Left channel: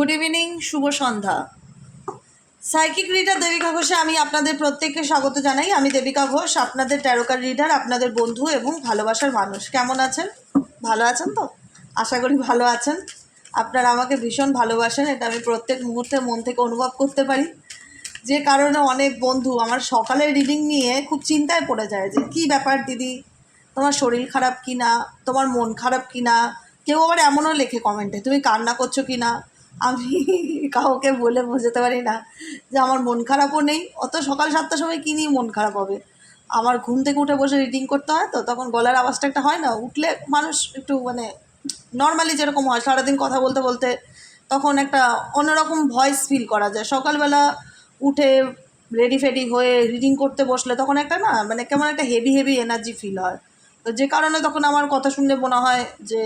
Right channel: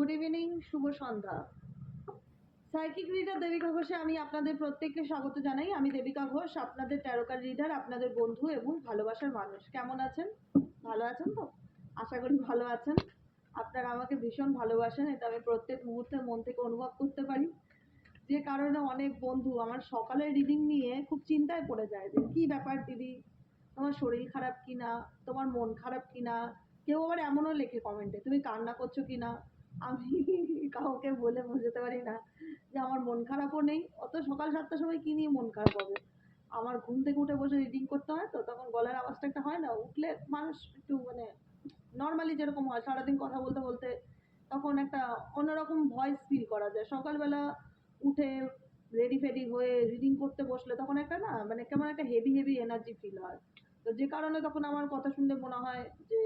Good evening, শুভ সন্ধ্যা। Psychic reader Devika ঘোষে আমি আপনাদের প্রত্যেককে স্বাগত জানাই। আমি দেবিকা ঘোষ, আপনাদের ট্যারোকার রিডার, আপনাদের বন্ধু এবং ভালোবাসার মানুষ। কেমন আছেন? ভালো আছেন তো? আশা করি ভালো আছেন। আপনারা আমাকে ভীষণ ভালোবাসেন, এটা আমি প্রত্যেক মুহূর্তে মন থেকে অনুভব করতে পারি। যে কারণে অনেক বন্ধু আমার সকালের রিডিং নিয়ে খুব চিন্তায় পড়ে যায় যে কী ব্যাপার দিদি, তোমার শরীর খারাপ কি না, তোমার মন খারাপ কি না। কেউ আবার এমনও লেখে কমেন্টে, তুমি কান্না করছো কি না। আমি কাউকে বলে বোঝাতে পারি না যে আমার মন খারাপও নেই। অত সকাল 7টার সময় কী নিয়ে মন খারাপ হবে। আমার ঘুম থেকে উঠে বসে রিডিং করতে হয়, তো তখন গলার আওয়াজটা একটা হয় না, উঠলে মানুষ একটু মানে নর্মালি যেরকম হয় সারাদিন কথা বলতে বলতে, তখন একটা অন্যরকম ভয়েস ফিল করা যায়। সকালবেলা উঠে রেডি ফেডি হয়ে রিডিং করতে বসলে তখন একটা না মানে কেমন একটা হেভি হেভি এনার্জি ফিল হয়। তো যে কারণে তখন আমার কথা শুনলে মনে হয় যে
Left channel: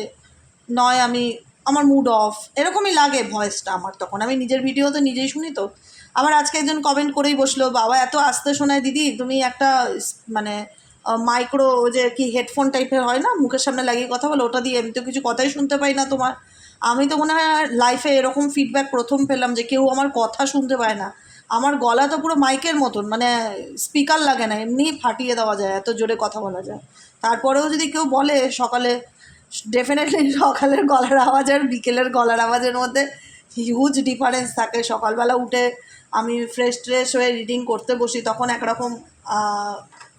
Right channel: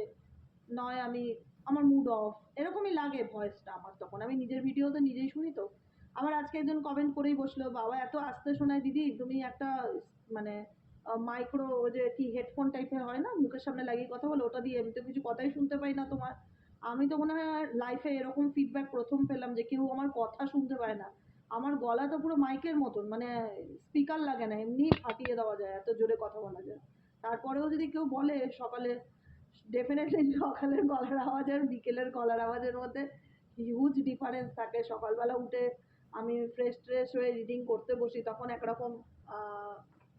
নয় আমি আমার মুড অফ এরকমই লাগে ভয়েসটা আমার। তখন আমি নিজের ভিডিও তো নিজেই শুনি। তো আমার আজকে একজন কমেন্ট করেই বসলো, বাবা এত আস্তে শোনায় দিদি, তুমি একটা মানে মাইক্রো যে কি হেডফোন টাইপের হয় না মুখের সামনে লাগিয়ে কথা বলো, ওটা দিয়ে আমি তো কিছু কথাই শুনতে পাই না তোমার। আমি তো মনে হয় লাইফে এরকম ফিডব্যাক প্রথম পেলাম যে কেউ আমার কথা শুনতে পায় না। আমার গলা তো পুরো মাইকের মতন, মানে স্পিকার লাগে না, এমনি ফাটিয়ে দেওয়া যায়, এত জোরে কথা বলা যায়। তারপরেও যদি কেউ বলে সকালে, ডেফিনেটলি সকালের গলার আওয়াজ আর বিকেলের গলার আওয়াজের মধ্যে হিউজ ডিফারেন্স থাকে। সকালবেলা উঠে আমি ফ্রেশ ট্রেশ হয়ে রিডিং করতে বসি, তখন একরকম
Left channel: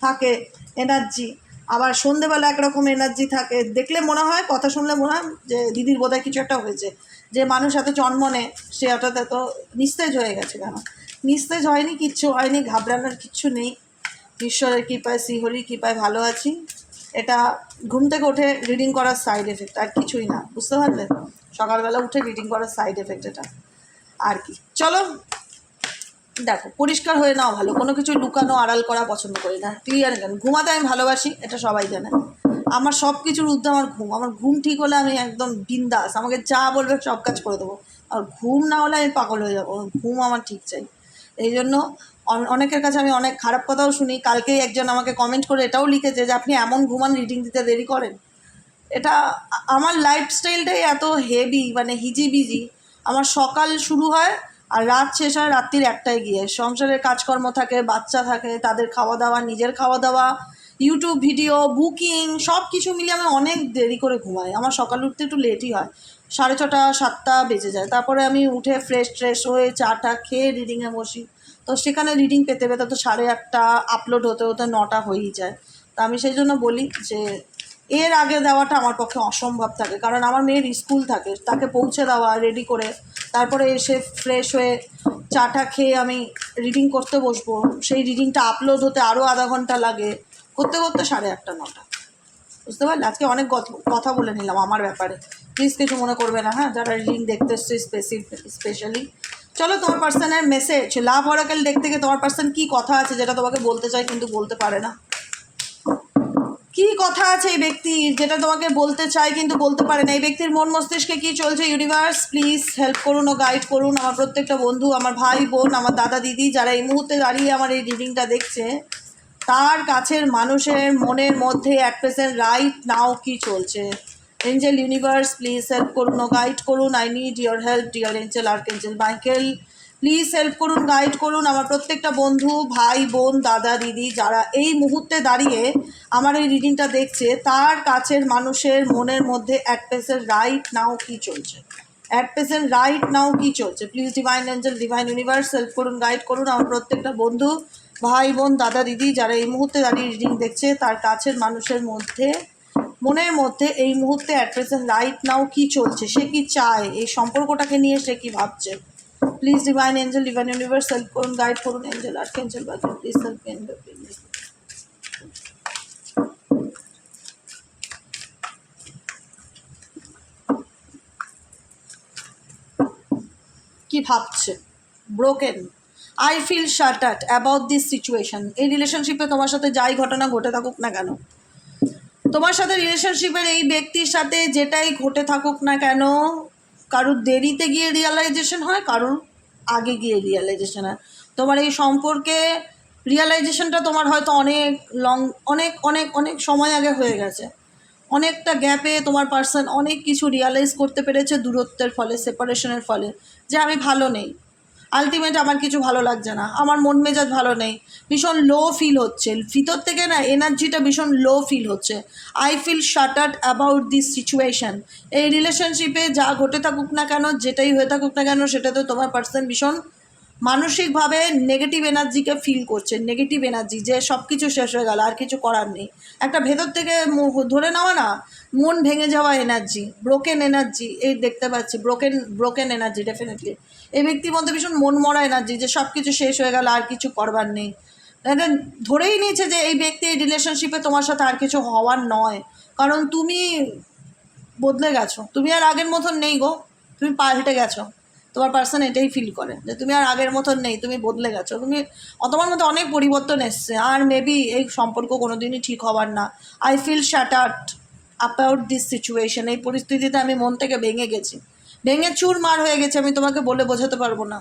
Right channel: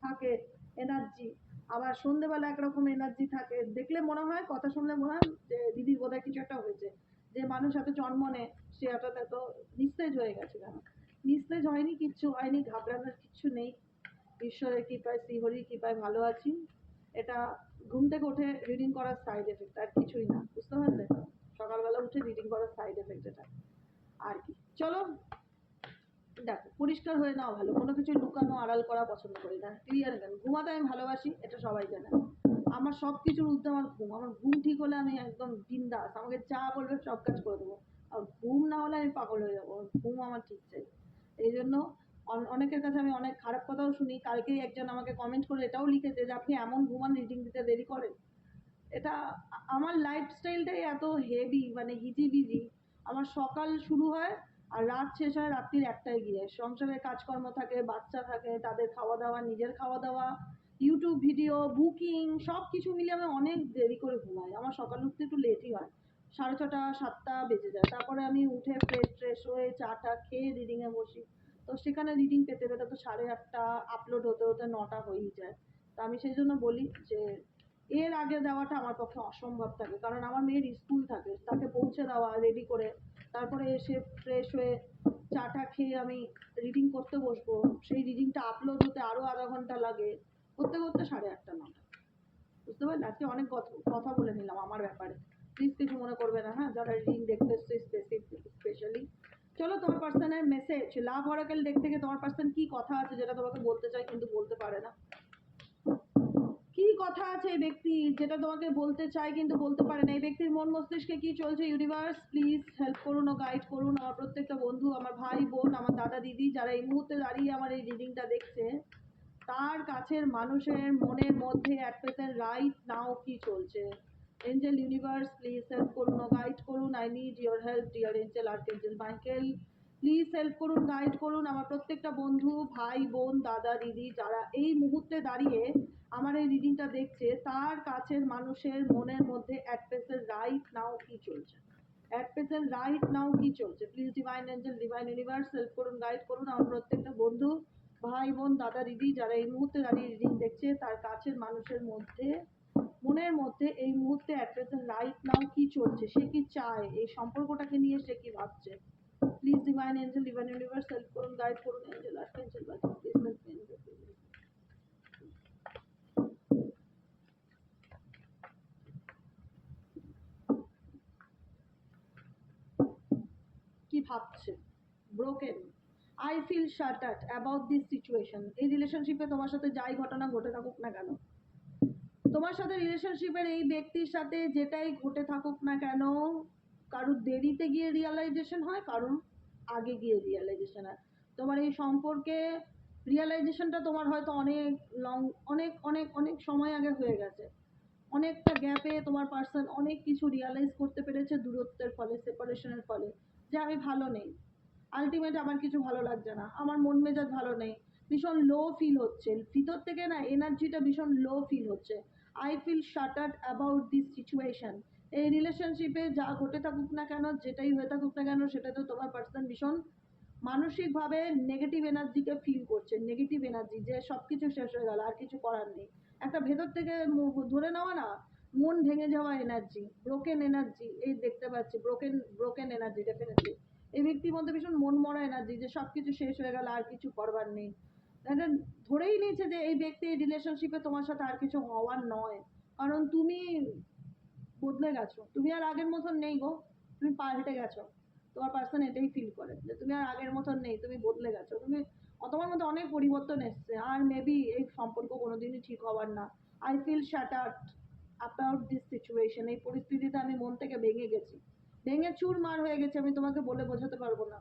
থাকে এনার্জি, আবার সন্ধেবেলা একরকম এনার্জি থাকে। দেখলে মনে হয়, কথা শুনলে মনে হয় যে দিদির বোধহয় কিছু একটা হয়েছে। যে মানুষ এত জন্মনে সে হঠাৎ এত নিস্তেজ হয়ে গেছে কেন? নিস্তেজ হয়নি, কিচ্ছু হয়নি, ঘাবড়ানোর কিচ্ছু নেই। ঈশ্বরের কৃপায়, শ্রীহরির কৃপায় ভালো আছি। এটা ঘুম থেকে উঠে রিডিং করার সাইড এফেক্ট, আর কিছুই না, বুঝতে পারলেন? সকালবেলা উঠে রিডিং করার সাইড এফেক্ট এটা, আর কি। চলো দেখো, পরিষ্কার হয়ে নাও ভালো, কোনো কিছু লুকানো আড়াল করা পছন্দ করি না, ক্লিয়ার কেন। ঘুমাতে আমি ভালোবাসি, এটা সবাই জানে। আমার সব কিছুর ঊর্ধ্বে আমার ঘুম। আমার ঘুম ঠিক হলে আমি একদম বিন্দাস, আমাকে যা বলবে সব কাজ করে দেবো। আর ঘুম না হলে আমি পাগল হয়ে যাবো। ঘুম আমার ঠিক চাই। এই জন্য অনেকের কাছে আমি অনেক খারাপ কথাও শুনি। কালকেই একজন আমাকে কমেন্ট করে এটাও লিখেছে যে আপনি এমন ঘুমান, রিডিং দিতে দেরি করেন। এটা আমার লাইফস্টাইলটাই এত হেভি, মানে হিজিবিজি। আমার সকাল শুরু হয় আর রাত শেষ হয় রাত্রির 1টায় গিয়ে। সংসারের কাজকর্ম থাকে, বাচ্চা থাকে, তাদের খাওয়া দাওয়া, নিজের খাওয়া দাওয়া, ইউটিউব ভিডিও, বুকিং, সব কিছু মিলিয়ে আমি অনেক দেরি করে ঘুমাই। আমার সকাল উঠতে একটু লেটই হয়, 6:30 7টা বেজে যায়। তারপরে আমি উঠে ফ্রেশ ট্রেশ হয়ে চাটা খেয়ে রিডিংয়ে বসি। তো সেখানে রিডিং পেতে পেতে তো 8:30 আপলোড হতে হতে 9টা হয়েই যায়। তা আমি সেই জন্য বলি যে এর আগে দেওয়াটা আমার পক্ষে অসম্ভব থাকে, কারণ আমার মেয়ের স্কুল থাকে, তাকে পৌঁছে দেওয়া, রেডি করে তারপরে এসে ফ্রেশ হয়ে চাটা খেয়ে আমি রিডিং করতে বসবো। সেই রিডিংটা আপলোড হতে আরও আধা ঘন্টা লাগে, করতে করতে 8:30 9টা। বুঝতে পারলে? আজকে অনেক কথা বলে নিলাম আমার ব্যাপারে, প্লিজ কিছু মনে করবে না, হ্যাঁ, যারা রিডিং দেখতে এসছে স্পেশালি। চলো, তোমার পার্সনের মেসেজ, লাভ অরাকেল দেখ থেকে তোমার পার্সন কী কথা আছে যেটা তোমাকে বলতে চায় কিন্তু বলতে পারে না। কী কথা আছে এই ব্যক্তির যেটা তোমাকে বলতে চায় কিন্তু বলতে পারে না? এই ব্যক্তির মন মস্তিষ্কে কী চলছে? ইউনিভার্স প্লিজ হেল্প করুন ও গাইড করুন আমার প্রত্যেকটা বন্ধু, আমার ভাই বোন, আমার দাদা দিদি, যারা এই মুহূর্তে দাঁড়িয়ে আমার এই রিডিংটা দেখছে। তার কাছের মানুষের মনের মধ্যে অ্যাট প্রেজেন্ট রাইট নাও কী চলছে? এঞ্জেল ইউনিভার্স প্লিজ হেল্প করুন ও গাইড করুন। I need your help dear angel, archangel Michael please help করুন, গাইড করুন আমার প্রত্যেকটা বন্ধু, ভাই বোন, দাদা দিদি, যারা এই মুহূর্তে দাঁড়িয়ে আমার এই রিডিংটা দেখছে। তার কাছের মানুষের মনের মধ্যে অ্যাট প্রেজেন্ট রাইট নাও কী চলছে? অ্যাট প্রেজেন্ট রাইট নাও কী চলছে? Please divine angel, divine universe help করুন, গাইড করুন আমার প্রত্যেকটা বন্ধু, ভাই বোন, দাদা দিদি, যারা এই মুহূর্তে দাঁড়িয়ে রিডিং দেখছে। তার কাছের মানুষের মধ্যে, মনের মধ্যে এই মুহূর্তে অ্যাট প্রেজেন্ট রাইট নাও কী চলছে? সে কি চায়? এই সম্পর্কটাকে নিয়ে সে কী ভাবছে? Please divine angel, divine universe help করুন, গাইড করুন। Angel, archangel, please help me. কি ভাবছে? Broken, I feel shattered about this situation. এই রিলেশনশিপে তোমার সাথে যাই ঘটনা ঘটে থাকুক না কেন, তোমার সাথে রিলেশনশিপের এই ব্যক্তির সাথে যেটাই ঘটে থাকুক না কেন, কারুর দেরিতে গিয়ে রিয়ালাইজেশন হয়, কারুর আগে গিয়ে রিয়ালাইজেশন হয়। তোমার এই সম্পর্কে রিয়ালাইজেশনটা তোমার হয়তো অনেক অনেক অনেক অনেক সময় আগে হয়ে গেছে। অনেকটা গ্যাপে তোমার পার্সন অনেক কিছু রিয়ালাইজ করতে পেরেছে দূরত্বের ফলে, সেপারেশনের ফলে, যে আমি ভালো নেই, আলটিমেট আমার কিছু ভালো লাগছে না, আমার মন মেজাজ ভালো নেই, ভীষণ লো ফিল হচ্ছে ভিতর থেকে, না এনার্জিটা ভীষণ লো ফিল হচ্ছে। I feel shattered about this situation. এই রিলেশনশিপে যা ঘটে থাকুক না কেন, যেটাই হয়ে থাকুক না কেন, সেটাতে তোমার পার্সন ভীষণ মানসিকভাবে নেগেটিভ এনার্জিকে ফিল করছে, নেগেটিভ এনার্জি, যে সব কিছু শেষ হয়ে গেল, আর কিছু করার নেই। একটা ভেতর থেকে ধরে নেওয়া না, মন ভেঙে যাওয়া এনার্জি, ব্রোকেন এনার্জি, এই দেখতে পাচ্ছি ব্রোকেন এনার্জি ডেফিনেটলি। এই ব্যক্তির মধ্যে ভীষণ মন মরা এনার্জি, যে সব কিছু শেষ হয়ে গেল, আর কিছু করবার নেই। এটা ধরেই নিয়েছে যে এই ব্যক্তি এই রিলেশনশিপে তোমার সাথে আর কিছু হওয়ার নয়, কারণ তুমি বদলে গেছো, তুমি আর আগের মতন নেই গো, তুমি পাল্টে গেছো। তোমার পার্সন এটাই ফিল করে যে তুমি আর আগের মতন নেই, তুমি বদলে গেছো, তুমি তোমার মধ্যে অনেক পরিবর্তন এসছে, আর মেবি এই সম্পর্ক কোনো দিনই ঠিক হবার না। I feel shattered about this situation. এই পরিস্থিতিতে আমি মন থেকে ভেঙে গেছি, ভেঙে চুরমার হয়ে গেছে, আমি তোমাকে বলে বোঝাতে পারবো না।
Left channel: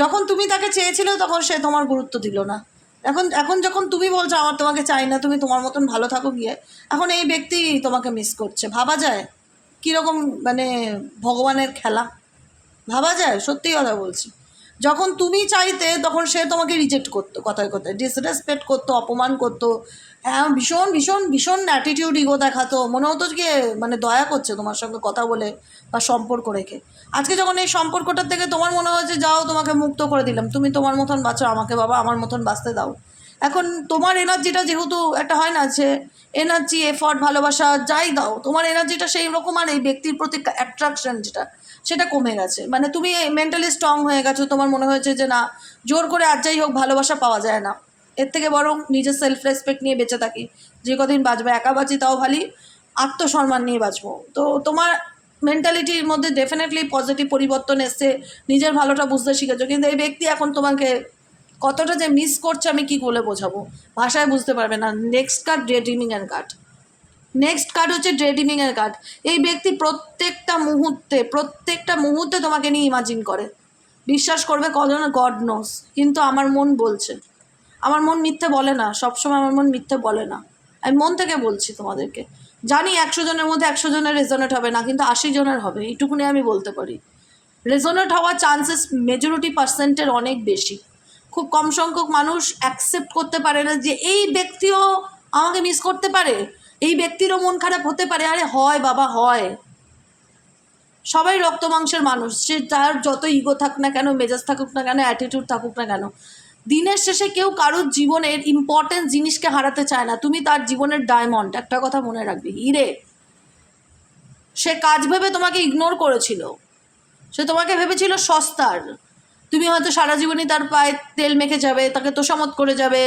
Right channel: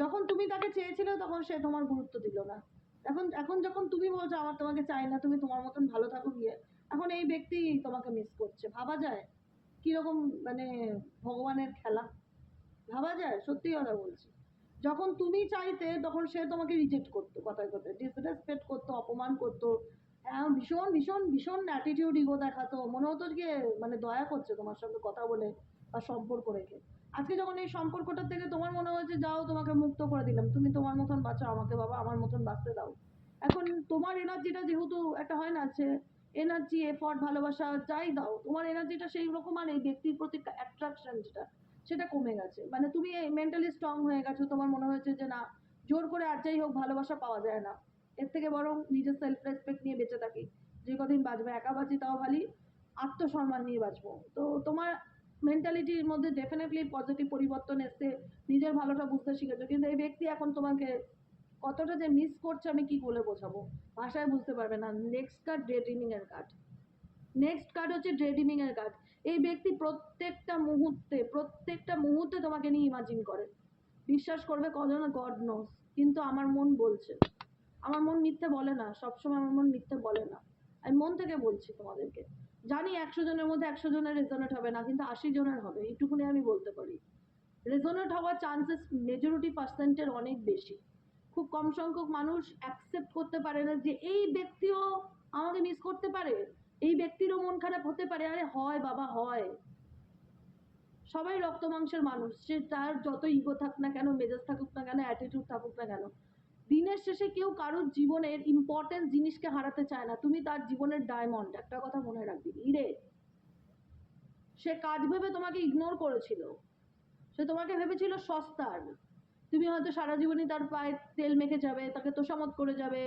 যখন তুমি তাকে চেয়েছিলে তখন সে তোমার গুরুত্ব দিল না, এখন এখন যখন তুমি বলছো আমার তোমাকে চাই না, তুমি তোমার মতন ভালো থাকো গিয়ে, এখন এই ব্যক্তি তোমাকে মিস করছে। ভাবা যায় কীরকম মানে ভগবানের খেলা, ভাবা যায়, সত্যি কথা বলছি। যখন তুমি চাইতে তখন সে তোমাকে রিজেক্ট করতো, কথায় কথায় ডিসরেসপেক্ট করতো, অপমান করতো, হ্যাঁ ভীষণ ভীষণ ভীষণ অ্যাটিটিউড ইগো দেখাতো, মনে হতো যে মানে দয়া করছে তোমার সঙ্গে কথা বলে বা সম্পর্ক রেখে। আজকে যখন এই সম্পর্কটার থেকে তোমার মনে হয়েছে যাও তোমাকে মুক্ত করে দিলাম, তুমি তোমার মতন বাঁচো, আমাকে বাবা আমার মতন বাঁচতে দাও, এখন তোমার এনার্জিটা যেহেতু একটা হয় না যে এনার্জি এফর্ট ভালোবাসা যাই দাও, তোমার এনার্জিটা সেই রকম, আর এই ব্যক্তির প্রতি অ্যাট্রাকশন যেটা সেটা কমে গেছে, মানে তুমি মেন্টালি স্ট্রং হয়ে গেছো, তোমার মনে হয়েছে যে না জোর করে আর যাই হোক ভালোবাসা পাওয়া যায় না, এর থেকে বরং নিজের সেলফ রেসপেক্ট নিয়ে বেঁচে থাকি, যে কদিন বাঁচবে একা বাঁচি তাও ভালো, আত্মসম্মান নিয়ে বাঁচবো। তো তোমার মেন্টালিটির মধ্যে ডেফিনেটলি পজিটিভ পরিবর্তন এসছে, নিজের ভালোটা বুঝতে শিখেছো, কিন্তু এই ব্যক্তি এখন তোমাকে কতটা যে মিস করছে আমি কী বলে বোঝাবো, ভাষায় বুঝতে পারবে না। নেক্সট কার্ড ডে ড্রিমিংয়ের কার্ড, নেক্সট কার্ড হচ্ছে ডে ড্রিমিংয়ের কার্ড। এই ব্যক্তি প্রত্যেকটা মুহূর্তে তোমাকে নিয়ে ইমাজিন করে, বিশ্বাস করবে কজন গড নোস, কিন্তু আমার মন বলছে, আমার মন মিথ্যে বলে না, সবসময় আমার মন মিথ্যে বলে না, আমি মন থেকে বলছি তোমাদেরকে। জানি 100 জনের মধ্যে 100 জনের রেজনেট হবে না, কিন্তু 80 জনের হবে, এইটুকুনি আমি বলতে পারি। রেজনেট হওয়ার চান্সেস মেজরিটি পার্সেন্টের অনেক বেশি। খুব কম সংখ্যক মানুষ অ্যাকসেপ্ট করতে পারে না যে এই ব্যক্তিও আমাকে মিস করতে পারে, এই ব্যক্তিরও মন খারাপ হতে পারে। আরে হয় বাবা, হয়, সবাই রক্ত মাংসের মানুষ, সে তার যত ইগো থাক না কেন, মেজাজ থাকুক না কেন, অ্যাটিটিউড থাকুক না কেন, দিনের শেষে কেউ কারোর জীবনের ইম্পর্টেন্ট জিনিসকে হারাতে চায় না। তুমি তার জীবনের ডায়মন্ড, একটা কথা মনে রাখবি, হিরে। সে কাজ ভেবে তোমাকে ইগনোর করেছিল, সে তোমাকে ভেবেছিল সস্তার, তুমি হয়তো সারা জীবনই তার পায়ে তেল মেখে যাবে, তাকে তোষামত করে যাবে,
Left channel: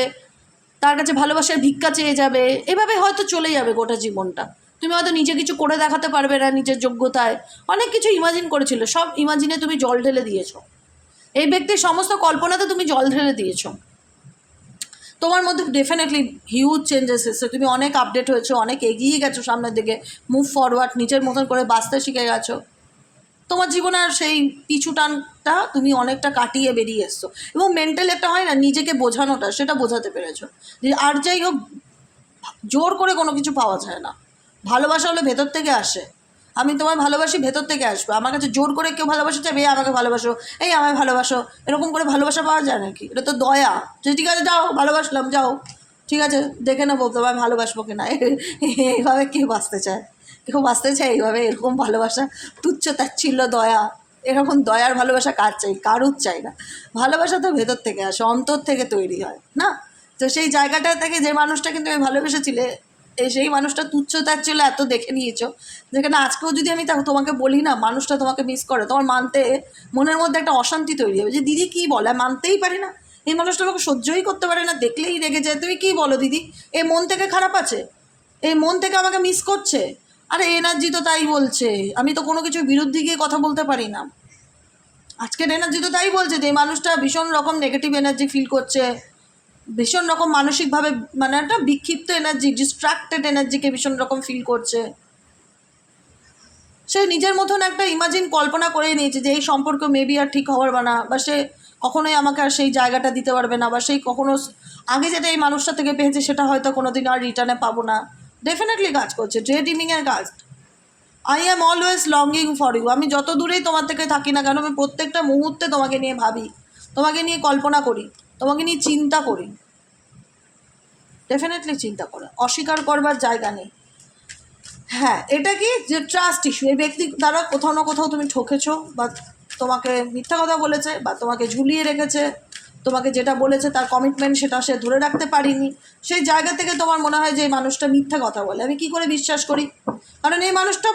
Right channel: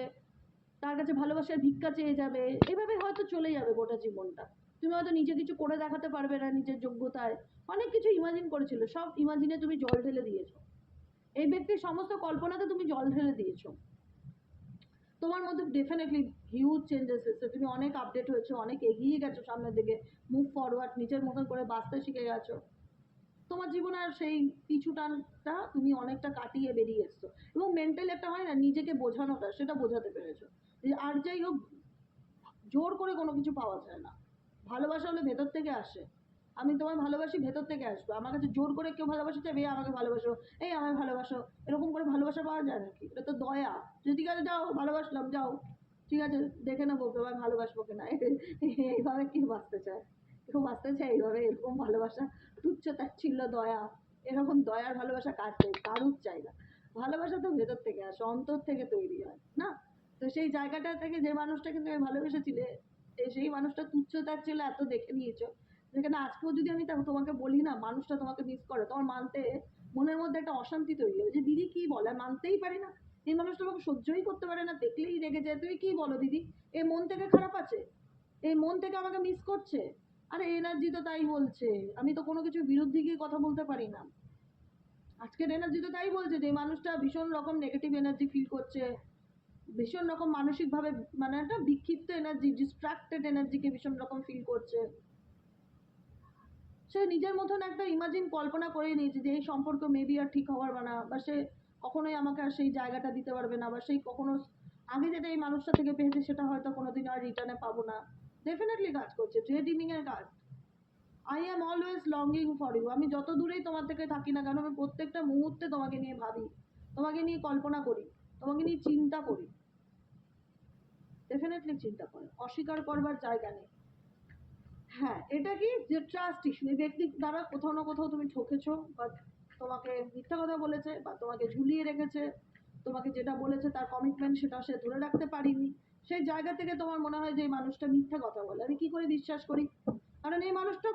তার কাছে ভালোবাসার ভিক্ষা চেয়ে যাবে, এভাবে হয়তো চলে যাবে গোটা জীবনটা। তুমি হয়তো নিজে কিছু করে দেখাতে পারবে না নিজের যোগ্যতায়, অনেক কিছু ইমাজিন করেছিল, সব ইমাজিনে তুমি জল ঢেলে দিয়েছো, এই ব্যক্তির সমস্ত কল্পনাতে তুমি জল ঢেলে দিয়েছো। তোমার মধ্যে ডেফিনেটলি হিউজ চেঞ্জেস এসেছে, তুমি অনেক আপডেট হয়েছো, অনেক এগিয়ে গেছো সামনের দিকে, মুভ ফরওয়ার্ড, নিজের মতন করে বাঁচতে শিখে গেছো। তোমার জীবনে আর সেই পিছু টানটা তুমি অনেকটা কাটিয়ে বেরিয়ে এসছো, এবং মেন্টালি একটা হয় না নিজেকে বোঝানোটা, সেটা বোঝাতে পেরেছো যে আর যাই হোক জোর করে কোনো কিছু পাওয়া যায় না, ভালোবাসা হলে ভেতর থেকে আসে। আমি তোমায় ভালোবাসি, ভেতর থেকে আসবে, আমার কাছে জোর করে কেউ ভালোবাসা চাইবে, আমাকে ভালোবাসো, এই আমায় ভালোবাসো, এরকম করে ভালোবাসা পাওয়া যায় নাকি? এটা তো দয়া, যে ঠিক আছে যাও ভালোবাসলাম, যাও ঠিক আছে দেখে নেবো তোমায় ভালোবাসবো কিনা। এইভাবে কেউ বাঁচতে চায়? কেউ বাঁচতে চায় এইভাবে? এরকম ভালোবাসা, তুচ্ছ তাচ্ছিল্য দয়া, এরকম দয়ার ভালোবাসা কার চাই? কারুর চাই না। ভালোবাসা তো ভেতর থেকে আসে, অন্তর থেকে তৈরি হয় না? তো সেই জায়গাটা থেকে যে মানুষটা কিন্তু আমি ভালোবেসেছিলে, সেই মানুষটা তুচ্ছ তাচ্ছিল্য এত দেখে নিয়েছো, যেখানে আজকেও যদি আমি তোমাকে বলি না মানুষটা তোমাকে মিস করে, তোমার মানতে মনের মধ্যে একটা অশান্তি তৈরি হবে, যে দিদি কী বলে, মানতেই পারি না, এই মানুষটা আমাকে সহ্যই করতে পারে না, দেখলেই রেগে যায়, তুমি কী বলো দিদি, এই মন থেকে খারাপ আছে, এই মন থেকে আমাকে মিস করছে। আরে এনার্জি তো তাই বলছে, আমি তো কোনো কিছুর বিরুদ্ধে গিয়ে কথা বলতে পারি না। আজকের এনার্জি তো তাই বলছে যে এই মানুষটা ভীষণ রকম নেগেটিভ এনার্জি ফিল করছে, ভীষণ রকম মানসিকভাবে মানে একটা বিক্ষিপ্ত এনার্জি, ডিস্ট্রাক্টেড এনার্জিকে ভীষণ রকম ফিল করছে। সে নিজের মতন একটা ইমাজিন কল্পনা করে নিয়েছে যে এই সম্পর্ক মেবি আর ঠিক হওয়ার না, বা সে কখনোই আমাকে আর সেই জায়গাটা দিতে পারবে না, বা সেই কখনো আগে যেটা এই মানুষটা থেকে পেয়েছে সেটা হয়তো কোনো দিন আর রিটার্নে পাবো না, ডেফিনেটলি কাজ করছে, ডে ড্রিমিংয়ের কাজ। I am always longing for you. আমি যত দূরেই তোমার থেকে থাকি না কেন, আমি প্রত্যেকটা মুহূর্তে তোমাকে নিয়ে ভাবি, তোমাকে নিয়ে কল্পনা করি, তোমাকে নিয়ে চিন্তা করি। ডেফিনেটলি চিন্তা করে, অস্বীকার করবার জায়গা নেই। হ্যাঁ, এটা কি যে ট্রাস্ট ইস্যু, এই ব্যক্তি দ্বারা কোথাও না কোথাও তুমি ঠকেছো, বা তোমাকে মিথ্যা কথা বলেছে, বা তোমাকে ঝুলিয়ে রেখেছে, তোমাকে যেটা বলেছে তার কমিটমেন্ট সেটা সে ধরে রাখতে পারিনি। সেই জায়গা থেকে তোমার মনে হয় যে এই মানুষটা মিথ্যা কথা বলে। আমি কি করে বিশ্বাস করি? কারণ এই মানুষটা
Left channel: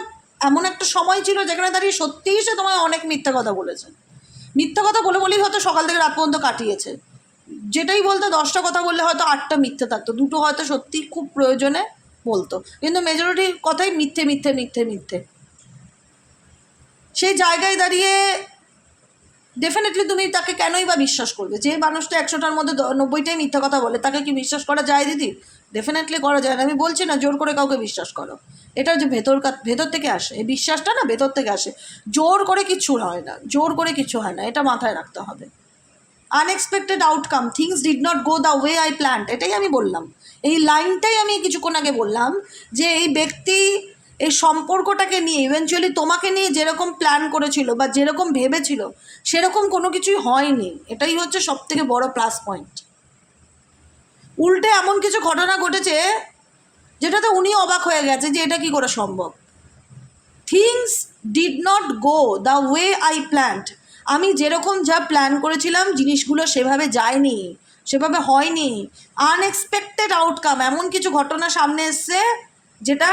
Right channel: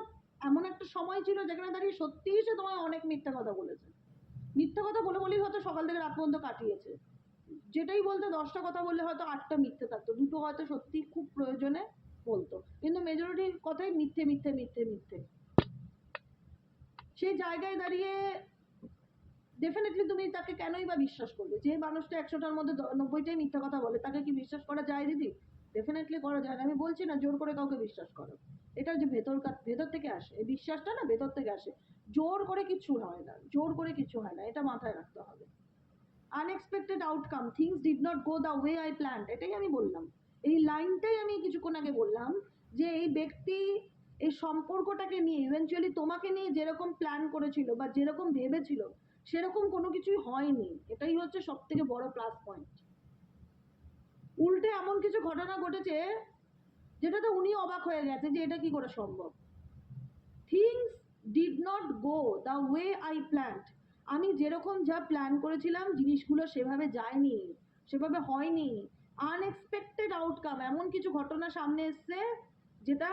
এমন একটা সময় ছিল যেখানে দাঁড়িয়ে সত্যিই সে তোমায় অনেক মিথ্যা কথা বলেছে। মিথ্যা কথা বলে বলেই হয়তো সকাল থেকে রাত পর্যন্ত কাটিয়েছে। যেটাই বলতো 10টা কথা বললে হয়তো 8টা মিথ্যে থাকতো, 2টো হয়তো সত্যি খুব প্রয়োজনে বলতো, কিন্তু মেজরিটি কথাই মিথ্যে মিথ্যে মিথ্যে মিথ্যে। সেই জায়গায় দাঁড়িয়ে ডেফিনেটলি তুমি তাকে কেনই বা বিশ্বাস করবে? যে মানুষটা 100টার মধ্যে 90টাই মিথ্যা কথা বলে, তাকে কি বিশ্বাস করা যায় দিদি? ডেফিনেটলি করা যায় না। আমি বলছি না জোর করে কাউকে বিশ্বাস করো, এটা যে ভেতর থেকে আসে, এই বিশ্বাসটা না ভেতর থেকে আসে, জোর করে কিচ্ছু হয় না, জোর করে কিছু হয় না, এটা মাথায় রাখতে হবে। Unexpected outcome, things did not go the way I planned, এটাই আমি বললাম। এই লাইনটাই আমি কিছুক্ষণ আগে বললাম, যে এই ব্যক্তি এই সম্পর্কটাকে নিয়ে ইভেনচুয়ালি তোমাকে নিয়ে যেরকম প্ল্যান করেছিল বা যেরকম ভেবেছিল সেরকম কোনো কিছুই হয়নি। এটাই হচ্ছে সব থেকে বড় প্লাস পয়েন্ট। উল্টে এমন কিছু ঘটনা ঘটেছে যেটাতে উনি অবাক হয়ে গেছে যে এটা কি করে সম্ভব। Things did not go the way I planned, আমি যেরকম যা প্ল্যান করেছিলাম জিনিসগুলো সেভাবে যায়নি, সেভাবে হয়নি। আনএক্সপেক্টেড আউটকাম, এমন কিছু ঘটনা সামনে এসছে যেটা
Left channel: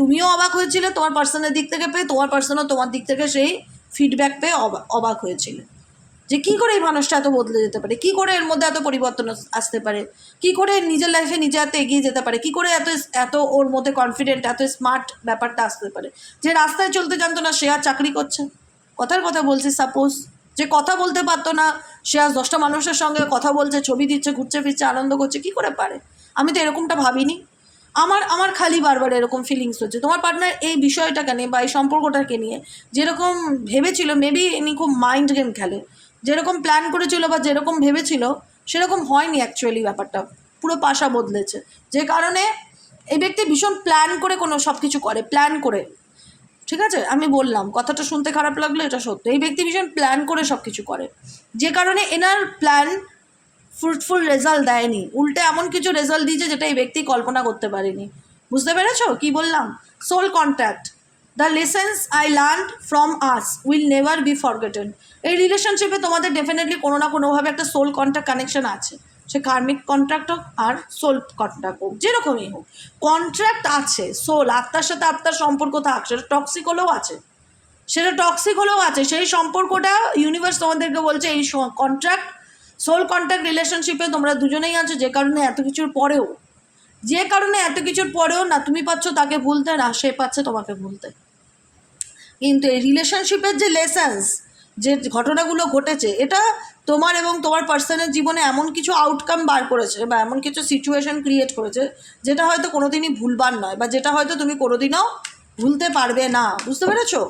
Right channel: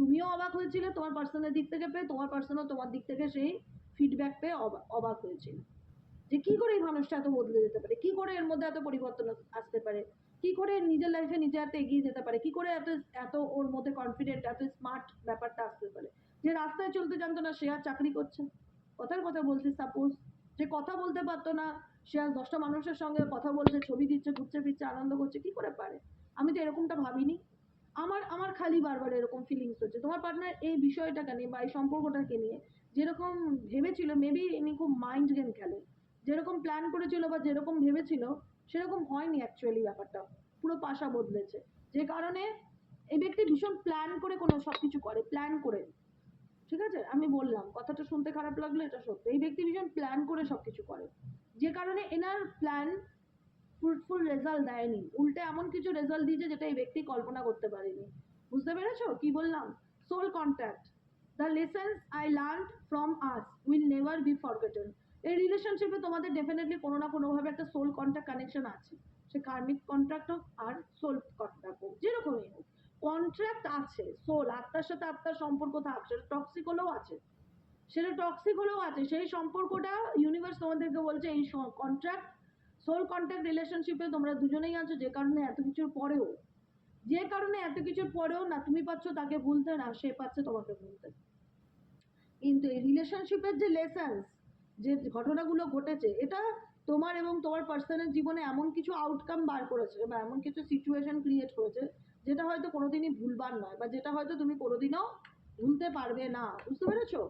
তুমিও অবাক হয়েছিলে তোমার পার্সনের দিক থেকে পেয়ে, তোমার পার্সনও তোমার দিক থেকে সেই ফিডব্যাক পেয়ে অবাক হয়েছিল যে কী করে এই মানুষটা এত বদলে যেতে পারে, কী করে এর মধ্যে এত পরিবর্তন আসতে পারে, কী করে নিজের লাইফে নিজে হাতে এগিয়ে যেতে পারে, কী করে এত এত ওর মধ্যে কনফিডেন্ট, এত স্মার্ট ব্যাপারটা আসতে পারে। যে রাস্তায় চলতে জানতো না সে আর চাকরি করছে, কথার কথা বলছি, সাপোজ যে কথা বলতে পারতো না সে আজ 10টা মানুষের সঙ্গে কথা বলছে, ছবি দিচ্ছে, ঘুরছে ফিরছে, আনন্দ করছে, কী করে পারে? আমি তো এরকমটা ভাবিনি। আমার খালি বারবার এরকম ফিলিংস হচ্ছে তোমার পার্টনার এই বিষয়টাকে নিয়ে বা এই সম্পর্কটাকে নিয়ে যেরকম ভেবেছিল, মেবি ইনি খুব মাইন্ড গেম খেলে, যেরকম প্ল্যান করেছিল বা যেরকম ভেবেছিল সেরকম হয়নি। অ্যাকচুয়ালি ব্যাপারটা পুরো পাশা বদলেছে, যে কারণে এই ব্যক্তি ভীষণ প্ল্যান করে কোনো সব কিছু করে, প্ল্যান করে। ঠিক আছে, আমি বললাম কথাটা শুনতে খারাপ লাগলো, এটা সত্য। এই ব্যক্তি ভীষণ প্ল্যান করে সব কিছু করে, যে কারণে এনার প্ল্যান ফ্রুটফুল রেজাল্ট দেয়নি, উল্টে এমন কিছু রেজাল্ট দিয়েছে যেটা এই ব্যক্তি কল্পনা করতে পারেনি। বুঝতে পেরেছো কি বললাম? Soul contact, the lessons I learn from us will never be forgotten. এই রিলেশনশিপে তোমাদের ডেফিনেটলি কোনো না কোনোভাবে একটা সোল কন্ট্যাক্ট কানেকশন আছে, সে কার্মিক কন্ট্রাক্ট হোক আর সোল কন্ট্রাক্ট হোক, যেরকমই হোক কন্ট্রাক্ট আছে। সোল, আত্মার সাথে আত্মার সম্পর্ক থাক, সেটা টক্সিক হলেও আছে, সেই সম্পর্কটা ইউনিভার্স তোমাদেরকে বলছে এই কন্ট্রাক্ট, সোল কন্ট্যাক্ট রিলেশনশিপে তোমরা দুজনেই আছো, যে কারণে এত কিছুর পরেও না তুমি পাচ্ছ তাকে ভুলতে, না সে পাচ্ছে তোমাকে ভুলতে। কিন্তু এই রিলেশনশিপের যে লেসেন্স, যে ঘটনাগুলো ঘটেছে, এটা তোমার এবং তোমার পার্সনের জীবনে এমন কিছু আউটকাম বার করেছে বা এমন কিছু সিচুয়েশন ক্রিয়েট করেছে যেটা হয়তো কোনোদিনই ভুলবার নয়, বা যেটা হয়তো তুমি কোনোদিনও ভুলতে পারবে না। বুঝতে পেরেছো?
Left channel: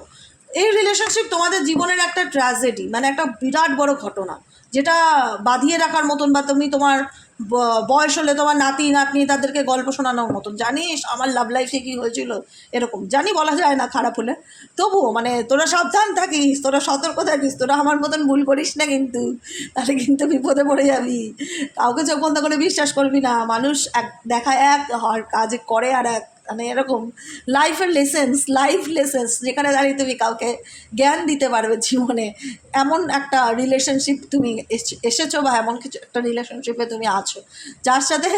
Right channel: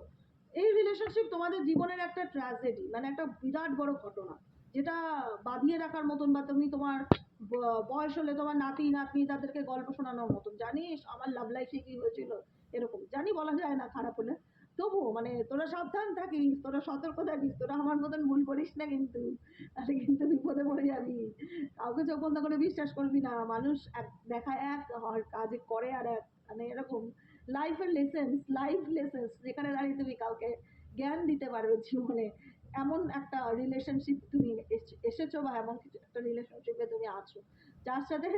এই রিলেশনশিপ তোমাদের জীবনের একটা ট্র্যাজেডি, মানে একটা বিরাট বড় ঘটনা, যেটা বাঁধিয়ে রাখার মতন, বা তুমি তোমার বয়স হলে তোমার নাতি নাতনি তাদেরকে গল্প শোনানোর মতন, জানিস আমার লাভ লাইফে কী হয়েছিল, এরকম জানি বলা যায় না খারাপ হলে, তবুও মানে তোরা সাবধান থাকিস, তোরা সতর্ক থাকিস, তোরা আমার মতন ভুল করিস না কিন্তু, তাহলে কিন্তু বিপদে পড়ে যাবি। কাউকে চোখ বন্ধ করে বিশ্বাস করবি না, মানুষ এক দেখায় এক আর কাজ করে আর এক, মানে এরকম লাইফ লেসেন্স যেখানে দাঁড়িয়ে তুমি কাউকে জ্ঞান দিতে পারবে জীবনে, এমন একটা রিলেশনশিপ তুমি এসেছো, বা এমন কিছু একটা রিলেশনশিপে তুমি আছো যার সাথে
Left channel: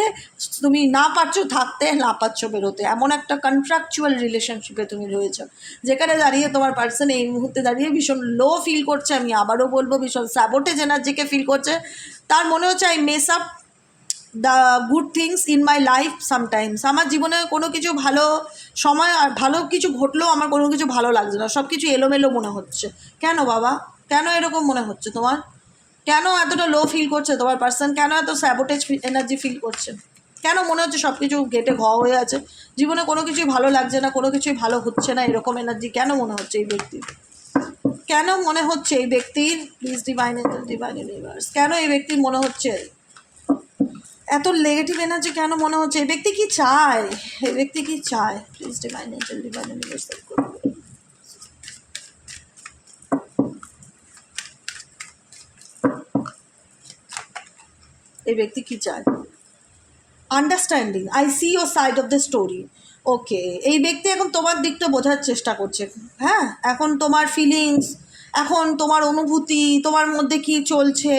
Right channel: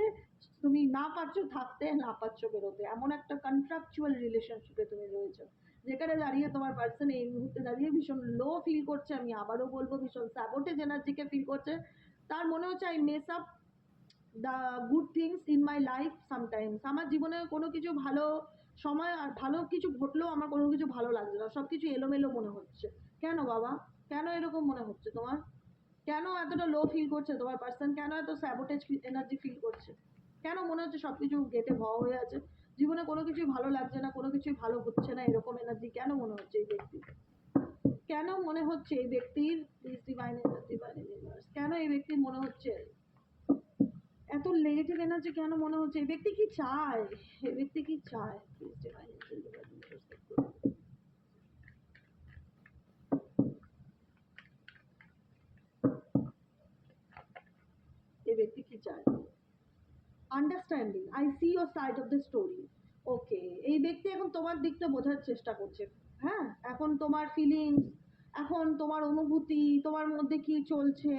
তুমি না পারছো থাকতে, না পারছো বেরোতে, এমন একটা কন্ট্রাকচুয়াল রিলেশনশিপে তুমি রয়েছো, যেখানে দাঁড়িয়ে তোমার পার্সন এই মুহূর্তে দাঁড়িয়ে ভীষণ লো ফিল করছে। আমি আবারও বলবো, ভীষণ স্যাবোটেজ এনার্জিকে ফিল করছে। তার মনে হচ্ছে I mace up the good things in my life sometimes. আমার জীবনে কোনো কিছু ভালো সময় আর ভালো কিছু ঘটলেও আমার কোনো কিছু ভালো লাগছে না, সব কিছু এলোমেলো মনে হচ্ছে। কেন বাবা, কেন এরকম মনে হচ্ছে তোমার? কেন এতটা লো ফিল করছে তোমার পার্সন? কেন এত স্যাবোটেজ এনার্জি ফিল করছে? কেন মনে হচ্ছে সব কিছু গেটে ঘ হয়ে আছে, জীবনে কোনো কিছুই ভালো লাগছে না, কোনো কিছুই ভালো হচ্ছে না, এরকম এনার্জি কেন মনে হচ্ছে এই ব্যক্তির? কেন মনে হচ্ছে এই ব্যক্তির? Please divine angel, divine universe, কেন এই ব্যক্তির মনে হচ্ছে? এত নেগেটিভ এনার্জি কেন মনে হচ্ছে? এই ব্যক্তি কি চায়? এই ব্যক্তি কি চায়? Please divine angel, divine universal করুন। এই ব্যক্তি কি চায়? Understanding, I see your side of the story. Okay, এই ব্যক্তি এখন তোমার দিকটা বোঝার চেষ্টা করছে। হ্যাঁ, এখন তোমার ফিলিংস, এখন তোমার অনুভূতি, তোমার মধ্যে কি চলছে,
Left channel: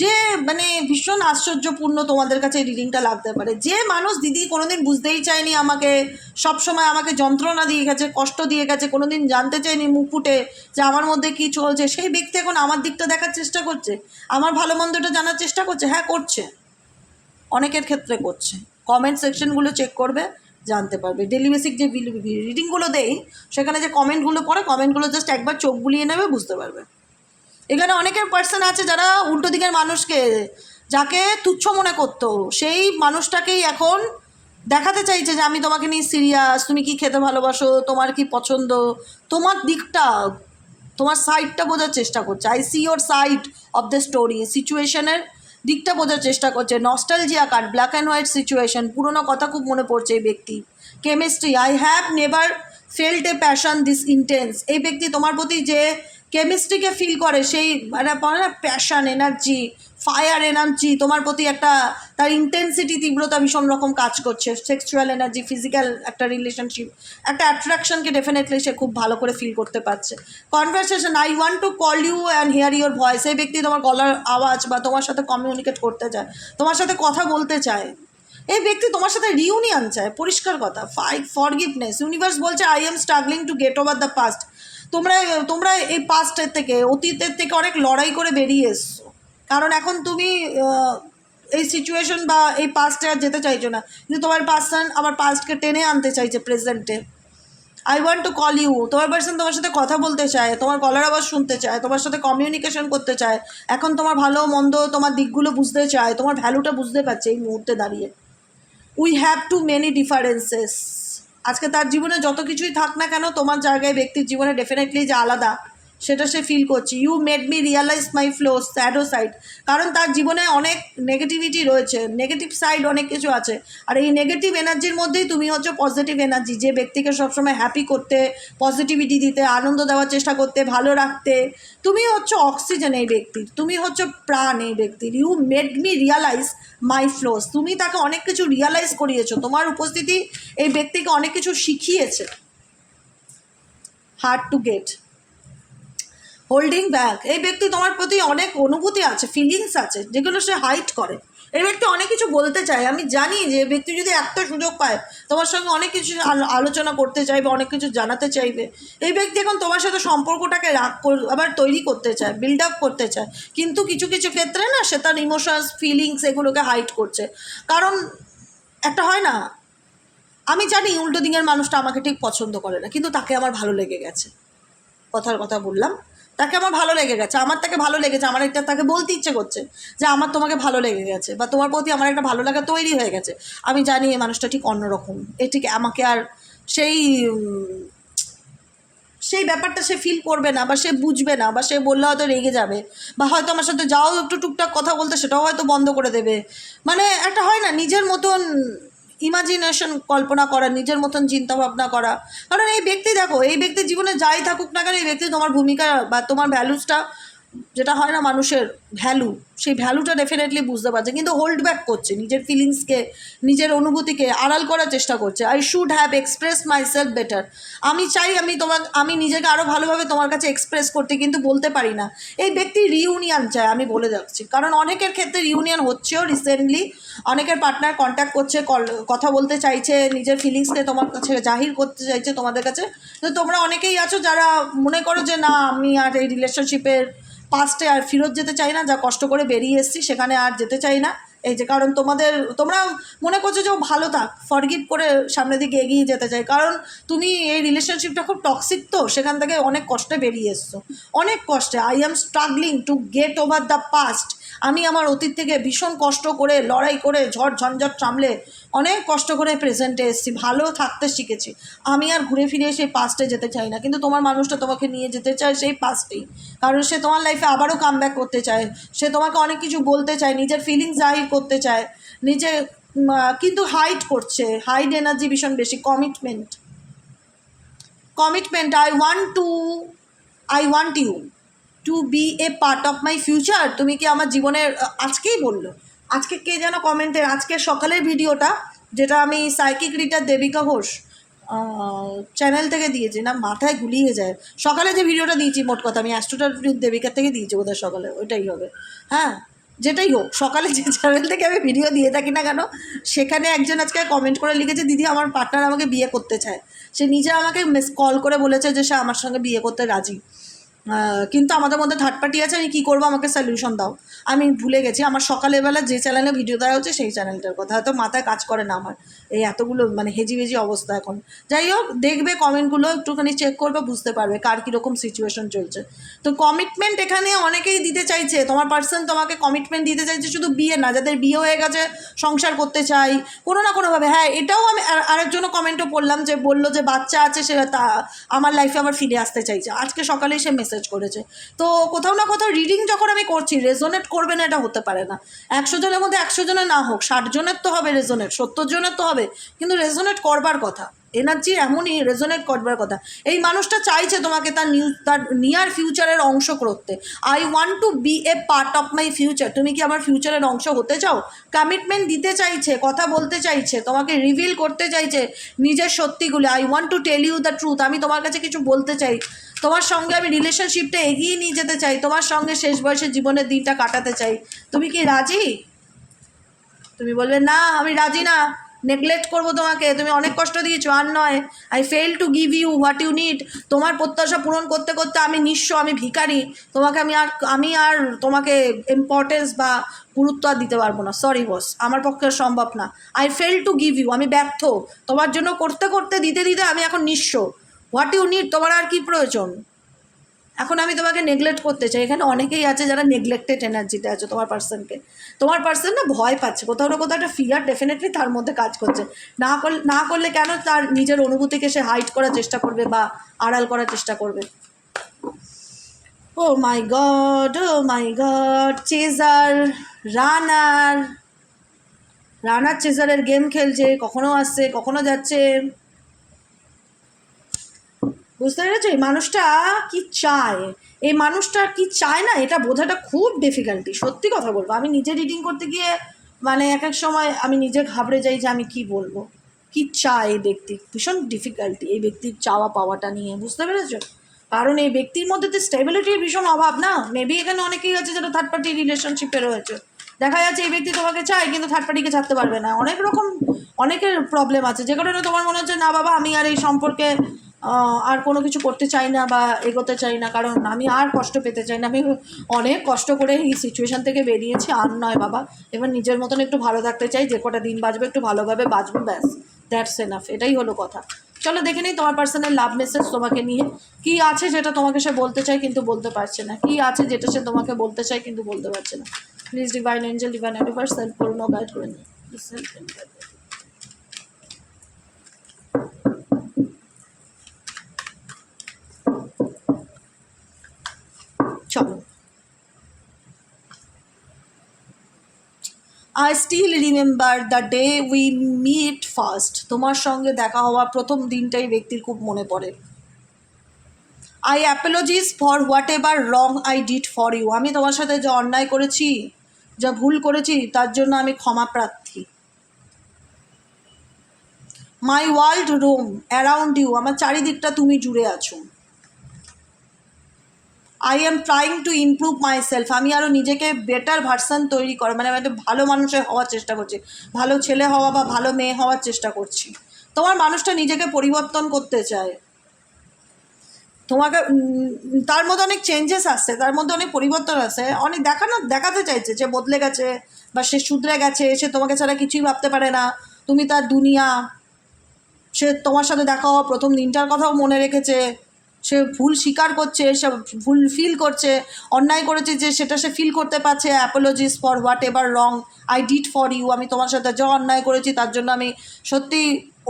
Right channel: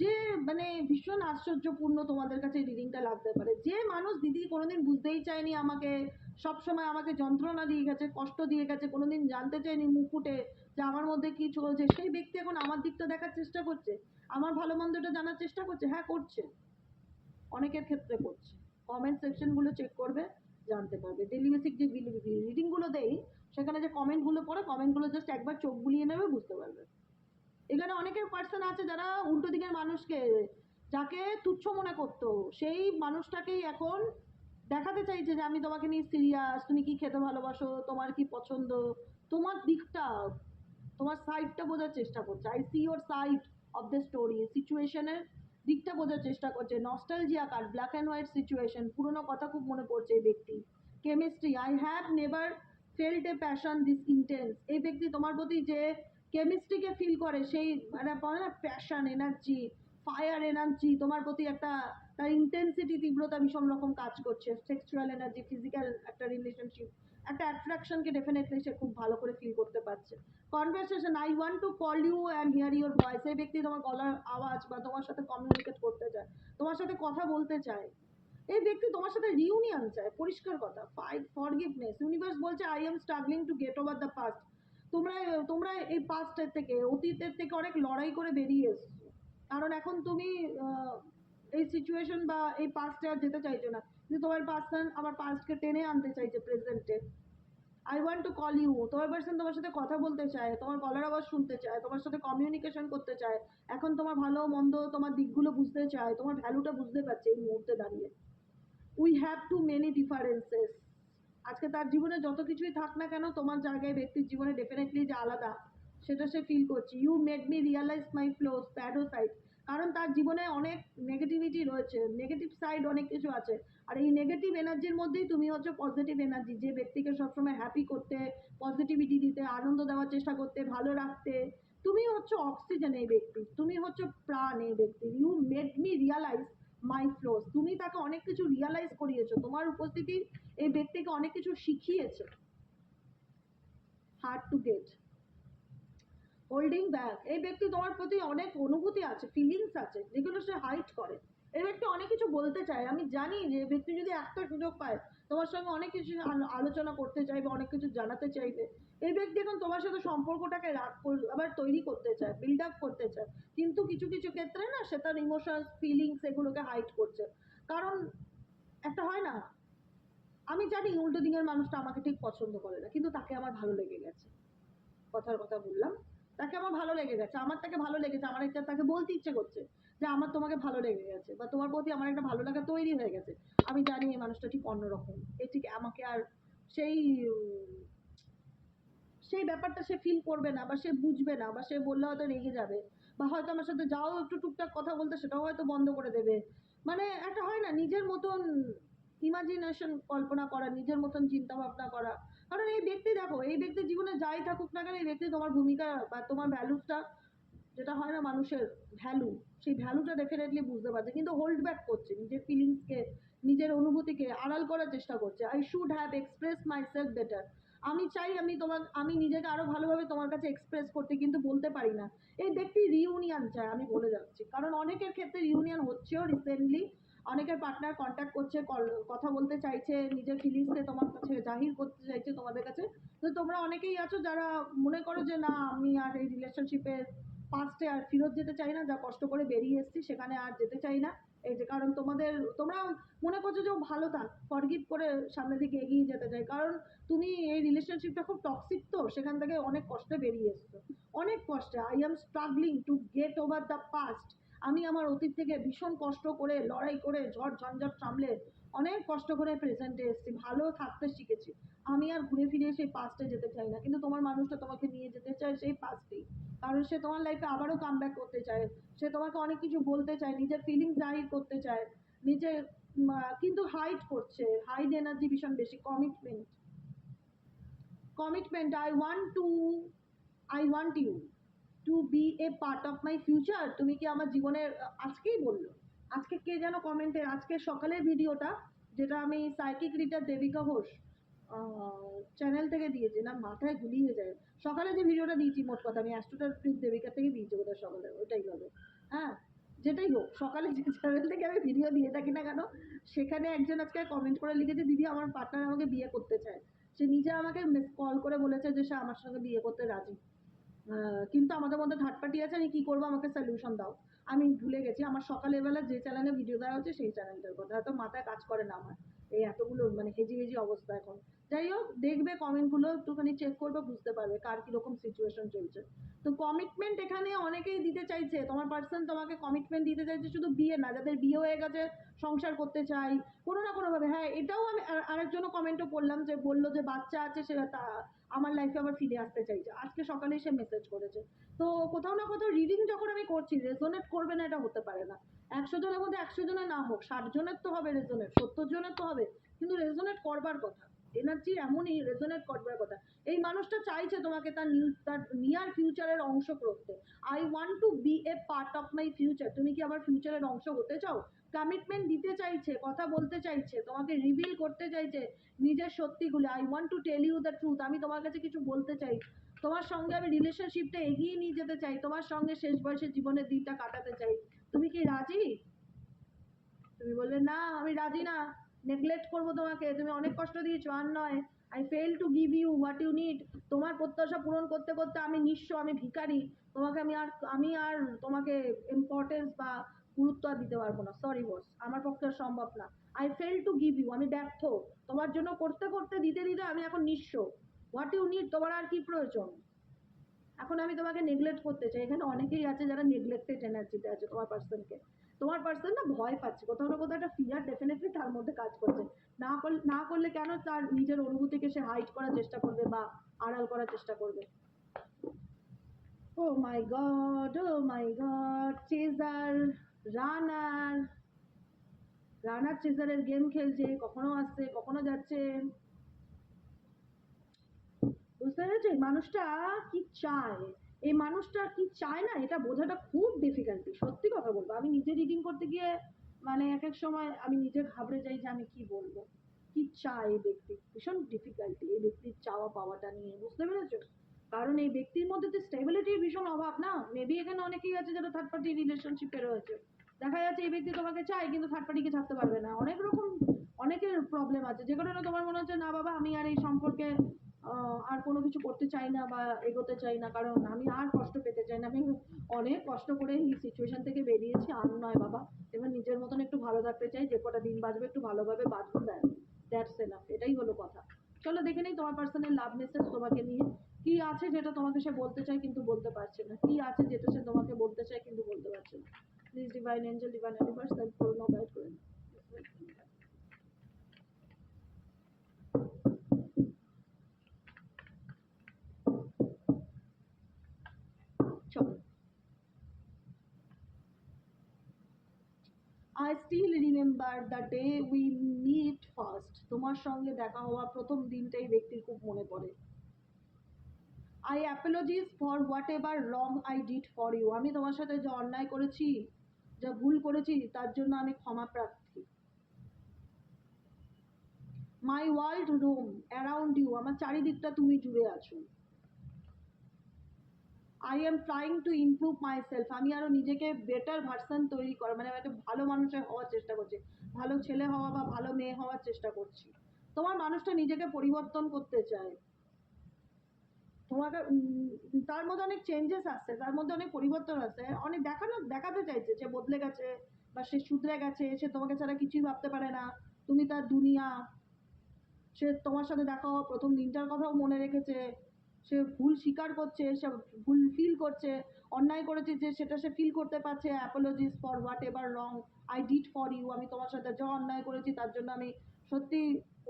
যে মানে ভীষণ আশ্চর্যপূর্ণ তোমাদের কাছে এই রিডিংটা লাগতে পারে। যে মানুষ দিদি কোনোদিন বুঝতেই চায়নি আমাকে, সবসময় আমাকে যন্ত্রণা দিয়ে গেছে, কষ্ট দিয়ে গেছে, কোনোদিন জানতে চায়নি মুখ ফুটে যে আমার মধ্যে কি চলছে, সেই ব্যক্তি এখন আমার দিকটা দেখার চেষ্টা করছে, আমার ভালো মন্দটা জানার চেষ্টা করছে। হ্যাঁ, করছে, অনেকের ক্ষেত্রে করছে। কমেন্ট সেকশনগুলো চেক করবে, জানতে পারবে। ডেলি বেসিক যে রিডিংগুলো দেই সেখানে যে কমেন্টগুলো পড়ে, কমেন্টগুলো জাস্ট একবার চোখ বুলিয়ে নেবে, বুঝতে পারবে। এখানে অনেকের পার্সন আছে যারা উল্টো দিকের মানুষকে, যাকে তুচ্ছ মনে করতো, সেই মানুষটাকেই এখন দেখাতে চাইছে যে আমি তোমাকে নিয়ে সিরিয়াস, তুমি কি খেতে ভালোবাসো, তোমার কি পছন্দ, তোমার দিকটা, তোমার সাইডটা বোঝার চেষ্টা করছে। I see your side of the story, সিচুয়েশনের দিকটা বোঝার চেষ্টা করছে। Nostalgia card, black and white situation, পুরোনো কথা খুব মনে পড়ছে এই ব্যক্তি। Chemistry, I have never felt a passion this intense. এই ব্যক্তি তোমার প্রতি যে কেমিস্ট্রিকে ফিল করে, সেই মানে প্যাশন, এনার্জি, ফায়ার এনার্জি তোমার প্রতি একটা, তার ইন্টেন্সিটি, তীব্রতা ভীষণ রকম কাজ করছে। সেক্সুয়াল এনার্জি, ফিজিক্যাল একটা রিলেশনশিপ, একটা অ্যাট্রাকশনকে ডেফিনেটলি সে খুব ভালো করে ফিল করতে পারছে। Conversation, I want to call you and hear your voice. এই ব্যক্তি তোমার গলার আওয়াজ বা তোমার সাথে কমিউনিকেট করতে চায়, তোমার সাথে কথা বলতে চায়। এই ব্যক্তি তোমার সাথে রিউনিয়ন চায়, পরিষ্কার কথা। ফরগিভনেস, ইউনিভার্স বলছে I am struggling to get over the past. তোমরা এই পাস্টের থেকে, অতীতের থেকে অনেক লড়াই করে বেরিয়ে এসছো, কারণ এখন তুমি এই সিচুয়েশন বা এই পাস্টে আর যেতে চাইছো না, কিন্তু তোমার পার্সন আবার পাস্টকে টেনে আনতে চাইছে প্রেজেন্টে। I want to call you, তোমার পার্সন তোমার সাথে কথা বলতে চায়, তোমার গলার আওয়াজ শুনতে চায়, তোমার সাথে কমিউনিকেশন করতে চায়, এখন তোমার ভালো মন্দ, তোমার দিকগুলো বুঝতে চায়, তোমার ভ্যালুটা বুঝতে পারছে এই মুহূর্তে দাঁড়িয়ে। We have to many differences. আজকে তার জীবনে যত কিছুই থাক না কেন, তোমার জায়গায় ব্যক্তির জীবনে ডেফিনেটলি যে আলাদা, সেটা সে ফিল করছে। You made me realise my flaws, shadow side. কারণ তার জীবনে অনেক নেগেটিভিটি রয়েছে, নেগেটিভ সাইড অনেক কিছু আছে। আর এই নেগেটিভ এনার্জির মধ্যেই তুমি হচ্ছে পজিটিভ এনার্জি, যে ব্যক্তিকে সবসময় হ্যাপি করতে, পজিটিভিটি দিতে, আনন্দ দেওয়ার চেষ্টা করতে, ভালো রাখতে। তুমি হচ্ছে অক্সিজেন এই ব্যক্তির, তুমি হচ্ছে প্রাণ এই ব্যক্তির। You made me realise my flaws, তুমি তাকে অনেক কিছু রিয়ালাইজ করিয়েছো, তোমার উপস্থিতি এই ব্যক্তিকে অনেক কিছু শিখিয়েছে। Hard to get, holding back, এই ব্যক্তি তোমার প্রতি অনেক অনুভূতি আছে, ফিলিংস আছে, যেগুলো সে হাইড করে। এই ব্যক্তি অনেক কিছু বলতে চায়, আমি জানি যে ব্যক্তি যদি একটা সুযোগ পায় তোমার সঙ্গে অনেক কিছু আলোচনা করতে চাইবে, অনেক কিছু জানাতে চাইবে। এই ব্যক্তি এখন তোমার সাথে সম্পর্কটাকে আবার তৈরি করতে চায়, বিল্ড আপ করতে চায়, কিন্তু কিছু কিছু ক্ষেত্রে না সে তার ইমোশনস, ফিলিংস এগুলোকে হাইড করছে। কারণ একটা হয় না, আমি জানি উল্টো দিকের মানুষটা আমাকে ঠিক পছন্দ করে না, কিন্তু তাকে আমার ভালো লেগে গেছে। কথার কথা বললাম, তাকে আমার ভালো লেগে গেছে, আমার তাকে ভালো লেগেছে, আমার এটা তাকে বলতে ইচ্ছে করছে যে আমার তোমাকে ভালো লেগে গেছে, বা তোমার প্রতি আমার একটা ভালো লাগা তৈরি হয়ে গেছে। আমি জানি এই মানুষটা ঠিক অন্যরকম, ঠিক আমাকে আর সেই সেই ব্যাপারটা সে ফিল করবে না, বা সে বুঝবে না, বা সে বললে হয়তো রেগে যাবে, বা হয়তো আমার সাথে যাও একটু টুকটাক কথা বলতে, সেটাও হয়তো বন্ধ করে দেবে। মানে একটা হয় না, নিজের মতন ইমাজিনেশন, কল্পনা করা, নিজের মতন চিন্তা ভাবনা করা। কারণ এই ব্যক্তি দেখো, এই ব্যক্তির জীবনে যাই থাকুক না কেন, এই ব্যক্তি তোমার ভূমিকা বা তোমার ভ্যালুসটা, যেটা হয় না মানুষের ভ্যালু, সেই ভ্যালুটা ডেফিনেটলি বুঝতে পারছে, কিন্তু হোল্ড ব্যাক করছে, নিজের ফিলিংসকে, নিজের অনুভূতিকে আড়াল করার চেষ্টা করছে। I should have express my self better, আমি চাই আমি নিজেকে আরও ভালোভাবে তোমার কাছে এক্সপ্রেস করতে, কিন্তু বলতে পারি না। এই ব্যক্তি রিউনিয়ন চায়, আমি বলে যাচ্ছি, কারণ অনেকের ক্ষেত্রে রিউনিয়ন হচ্ছেও রিসেন্টলি। অনেকের পার্টনার কন্ট্যাক্ট করছে, কথা বলতে চাইছে, নিজের ফিলিংসকে তোমার কাছে জাহির করতে চাইছে তোমাদের কাছে। তো তোমরা অনেকেই আছো যারা মনে করো যে না, আমি আর এই রিলেশনশিপের পাস্টে আর ফেরত যেতে চাই না, যা কষ্ট করে বেরিয়ে এসেছি সেখানে আর যেতে চাই না। এই যে কারণ তোমরা মনে করছো যে ও ভালো থাক, ফরগিভ করে সামনের দিকে এগিয়ে যেতে চাই, কারণ তুমি এই রিলেশনশিপটা খুব টক্সিক, তো সেখান থেকে অনেক কষ্টে বেরিয়ে এসছো, অনেক কষ্টে। I am struggling to get over the past, আমি আমার অতীত থেকে ভীষণ কষ্ট করে, লড়াই করে, ঝড় ঝঞ্ঝট সামলে অনেক কষ্ট করে প্রেজেন্টে এসেছি, ভালো থাকতে শিখেছি। আমি আর ঘুরে ফিরে সেই পাস্টে যেতে চাই না, কিন্তু তোমার মানুষটা তোমাকে নিয়ে যেতে চায় সেই পাস্টেই, কারণ সে তোমার লাইফে আবারও কাম ব্যাক করতে চায়, সে তোমাকে অনেক কিছু বলতে চায়, নিজের ফিলিংস জাহির করতে চায়, নিজে কিন্তু হাইড করছে, হাইড এনার্জি ভীষণ বেশি। Commitment, I want you to be a part of my future. তুমি কি আমার জীবনের, আজকেই বললো, আজকে কে যেন কমেন্টের, আজকে সকালের ভিডিওটা যেটা আমি psychic reader Debika Ghosh channel থেকে দিয়েছি, না মাথায় গুলিয়ে যায়, সকালে যে ভিডিওটা দিয়েছি, মোট কথা আমি অ্যাস্ট্রোটার দেবিকার থেকে দিয়েছি বোধহয় সকালে, ওইটাই হবে। হ্যাঁ, যেটাই হোক, সকালে যে চ্যানেল থেকে আমি ভিডিও দিয়ে থাকি না কেন, সেখানে একজন আজকে কমেন্ট করে লিখেছে, দিদি আমার পার্টনার আমাকে বিয়ে করতে চায়। সে নিজে আমাকে কল করে বলেছে যে সে আমার সঙ্গে বিয়ে করতে রাজি, কিন্তু আমাদের মধ্যে থার্ড পার্টি আছে, আমি কী করবো, আমাকে সলিউশন দাও। আমি ভুলে গেছি আমার সকালবেলা যে চ্যানেলে ভিডিও দেওয়া হচ্ছে সেই চ্যানেলটার কথা, হয়তো মাথায় কাজ করে না আমার, এই এতগুলো মানে হেজি অবস্থা এখন। যাই হোক, দেখবে কমেন্টগুলো একটুখানি চেক করবে, বুঝতে পারবে কার কীরকম সিচুয়েশন চলছে। তো কমিটমেন্ট এখানে অনেকেই দিতে চাইছে, তোমার পার্সন তোমাকে কমিটমেন্ট দিতে চাইছে, শুধু বিয়ে না, যাদের বিয়ে হয়ে গেছে সংসার করতে চাই কোনো না কোনোভাবে। হ্যাঁ, এটাও আমি আরেকজনও কমেন্টও পড়লাম, যে বললো যে বাচ্চা আছে, সে আমার লাইফে আবার ফিরে আসতে চাইছে, আজকে সকালেই সে মেসেজ করেছে। তো কোথাও না কোথাও রিডিং যখন আমি করছি, রেজোনেট করবে না এটা হতে পারে না। 100 জনের মধ্যে 100 জনের না হোক, 60 জনের তো হবে রেজোনেট, 70 জনের তো হবে, কিন্তু রেজোনেট করবার কথা, এনার্জি এমনই রেজোনেট করবার কথা। এই মানুষটা চাইছে তোমাকে তার নিয়ার ফিউচারের অংশ করতে। I want to be a part of my future. তুমি কি আমার ফিউচারের অংশ হতে চাও? কমিটমেন্ট দিতে চাইছে, কথা বলতে চাইছে, তোমাকে রিভিল করতে চাইছে নিজের সত্যিগুলো। I want to tell you the truth. আমি তোমার কাছে কিছু বলতে চাই, তোমার সঙ্গে আমি রিলেশনশিপটা এগিয়ে নিয়ে যেতে চাই, তোমার সঙ্গে শেষ বয়সের জীবনের দিনটা কাটাতে চাই। তুমি কি রাজি? তুমি বলবে না আমি রাজি না, নেগলেক্ট করবো তোমাকে, তুমি অনেক কষ্ট দিয়েছো, আর নয়, I fail to give you what you need. তোমার প্রত্যাশা পূরণ করতে করতে আমি নিঃস্ব, আমি ভিখারি, তোমাকে আমি আর তোমাকে ইম্পর্টেন্স বা গুরুত্ব আর দিতে পারবো না। সরি বস, আমার পক্ষে সম্ভব না। I fail to give you, আমি ব্যর্থ তোমার জন্য, করতে করতে দিতে দিতে আমি এখন নিঃস্ব। হোয়াট ইউ নিড, তোমার আর কি প্রয়োজন? এখন আমি তোমাকে নেগলেক্ট করতে চাই। এখানে অনেকেই আছে যারা নেগলেক্টেড এনার্জিতে আছে। তোমার পার্সন না ভয় পাচ্ছে, কোথাও না কোথাও একটা ফিয়ার ডেফিনেটলি তার মধ্যে কাজ করছে। না করলে কেন তার নিজের অনুভূতিকে সে হাইড করার চেষ্টা করবে বা আড়াল করার চেষ্টা করবে। ও মাই গড, চেজার, রানার চেজারের গেম খেলছে, কখনো আসছে কখনো যাচ্ছে। বুঝতে পেরেছো এই মানুষটা কি চায়? এই মানুষটা কি চায় না, এটা বোঝাটা খুব ডিফিকাল্টি। সত্যি কথা বলবো, আমি নিজে রিডিং করতে গিয়ে মানে এক এক সময় আমি নিজে ঘাবড়ে যাই যে আমি কি বলবো, কি চায় এই ব্যক্তি। ভীষণ ডিফিকাল্টি এই ব্যক্তির চাওয়া পাওয়াটা নিয়ে, বুঝতে পেরেছো? কারণ এই ব্যক্তির মধ্যে তো স্টেবিলিটির ভীষণ অভাব না। মেবি এখানে অনেকেই আছে যারা থার্ড পার্টি রিলেশনশিপে রয়েছে। দেখা যাচ্ছে এই ব্যক্তি তোমাকে চায় কিন্তু থার্ড পার্টিকে ছাড়তে পারবে না। অনেক রকম অনেকের প্রবলেম আছে, যে কারণে তোমার মনে হচ্ছে না বাবা আমি আর এই সম্পর্কে আর কোনো কিছু করতে চাই না বা এগোতে চাই না, কারণ আমি আর কষ্ট পেতে চাই না। আমি অনেক কষ্ট করে এই সিচুয়েশান থেকে বেরিয়েছি, আর নয় বাবা, এবার নিজের মতন একটু ভালো থাকতে চাই, যে কটা দিন বাঁচবে একটু ভালোভাবে বাঁচবো, ব্যাস, দ্যাটস এনাফ। এটাই হলো কথা। চলো দেখে নিই তোমার পার্সোনাল লাভ মেসেজ তোমাকে নিয়ে কী আছে, যেটা তোমাকে সে বলতে চায় কিন্তু বলতে পারছে না। কী আছে যেটা সে তোমাকে বলতে চায় কিন্তু বলতে পারছে না। Please divine angel, divine universe help করুন ও গাইড করে নিন। চলো, I still remember the day we meet first. তোমার সঙ্গে দেখা হওয়া প্রথম দিনটাই ব্যক্তির খুব মনে পড়ে। I apologies for whatever wrong I did for you. আমি তোমার সাথে যা অন্যায় করেছি, যা ভুল করেছি, তার জন্য আমি ক্ষমা প্রার্থী। My world roam around you. আমার চারিদিকটা তুমি জুড়ে আছো। I am trying to improve myself. আমি আরও নিজেকে বেটার ভার্সান তৈরি করা, মানে আমি একটা ভালো মানুষের হওয়ার চেষ্টা করছি, ভালো ছেলে হওয়া বা ভালো মেয়ে হওয়ার চেষ্টা করছি। তোমার মানুষটা নিজেকে পরিবর্তন করতে চায়, তোমাকে তার মধ্যে অনেক চেঞ্জেস আসছে, তার মধ্যে অনেক পরিবর্তন আসছে, অনেক দেখাতে চাইছে যে বদলে গেছে বা সে শুধরে গেছে, সে তোমাকে ছাড়া কিছুই ভাবতে পারে না, তুমি তার দুনিয়া। সে তোমার সাথে দেখা হওয়া প্রথম দিনটার কথাও মনে রেখেছে, সে ভুল স্বীকার করছে, সে ভুল ফিল করছে, অন্যায় করেছে যে সেটা সে ফিল করতে পারছে। Apologies for whatever wrong I did for you. আমি তোমার সাথে যা অন্যায় করেছি তার জন্য আমি সত্যি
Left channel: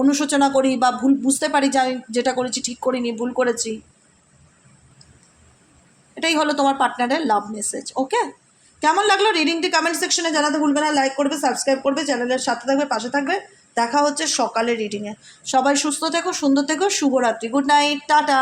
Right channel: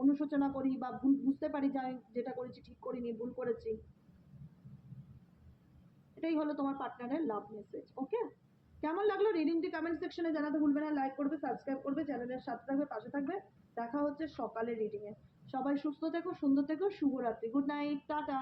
অনুশোচনা করি বা ভুল বুঝতে পারি যে আমি যেটা করেছি ঠিক করিনি, ভুল করেছি। এটাই হলো তোমার পার্টনারের লাভ মেসেজ। ওকে, কেমন লাগলো রিডিংটি কমেন্ট সেকশনে জানাতে ভুলবে না, লাইক করবে, সাবস্ক্রাইব করবে, চ্যানেলের সাথে থাকবে, পাশে থাকবে। দেখা হচ্ছে সকালে রিডিংয়ে। সবাই সুস্থ থেকো, সুন্দর থেকো, শুভরাত্রি, গুড নাইট, টাটা।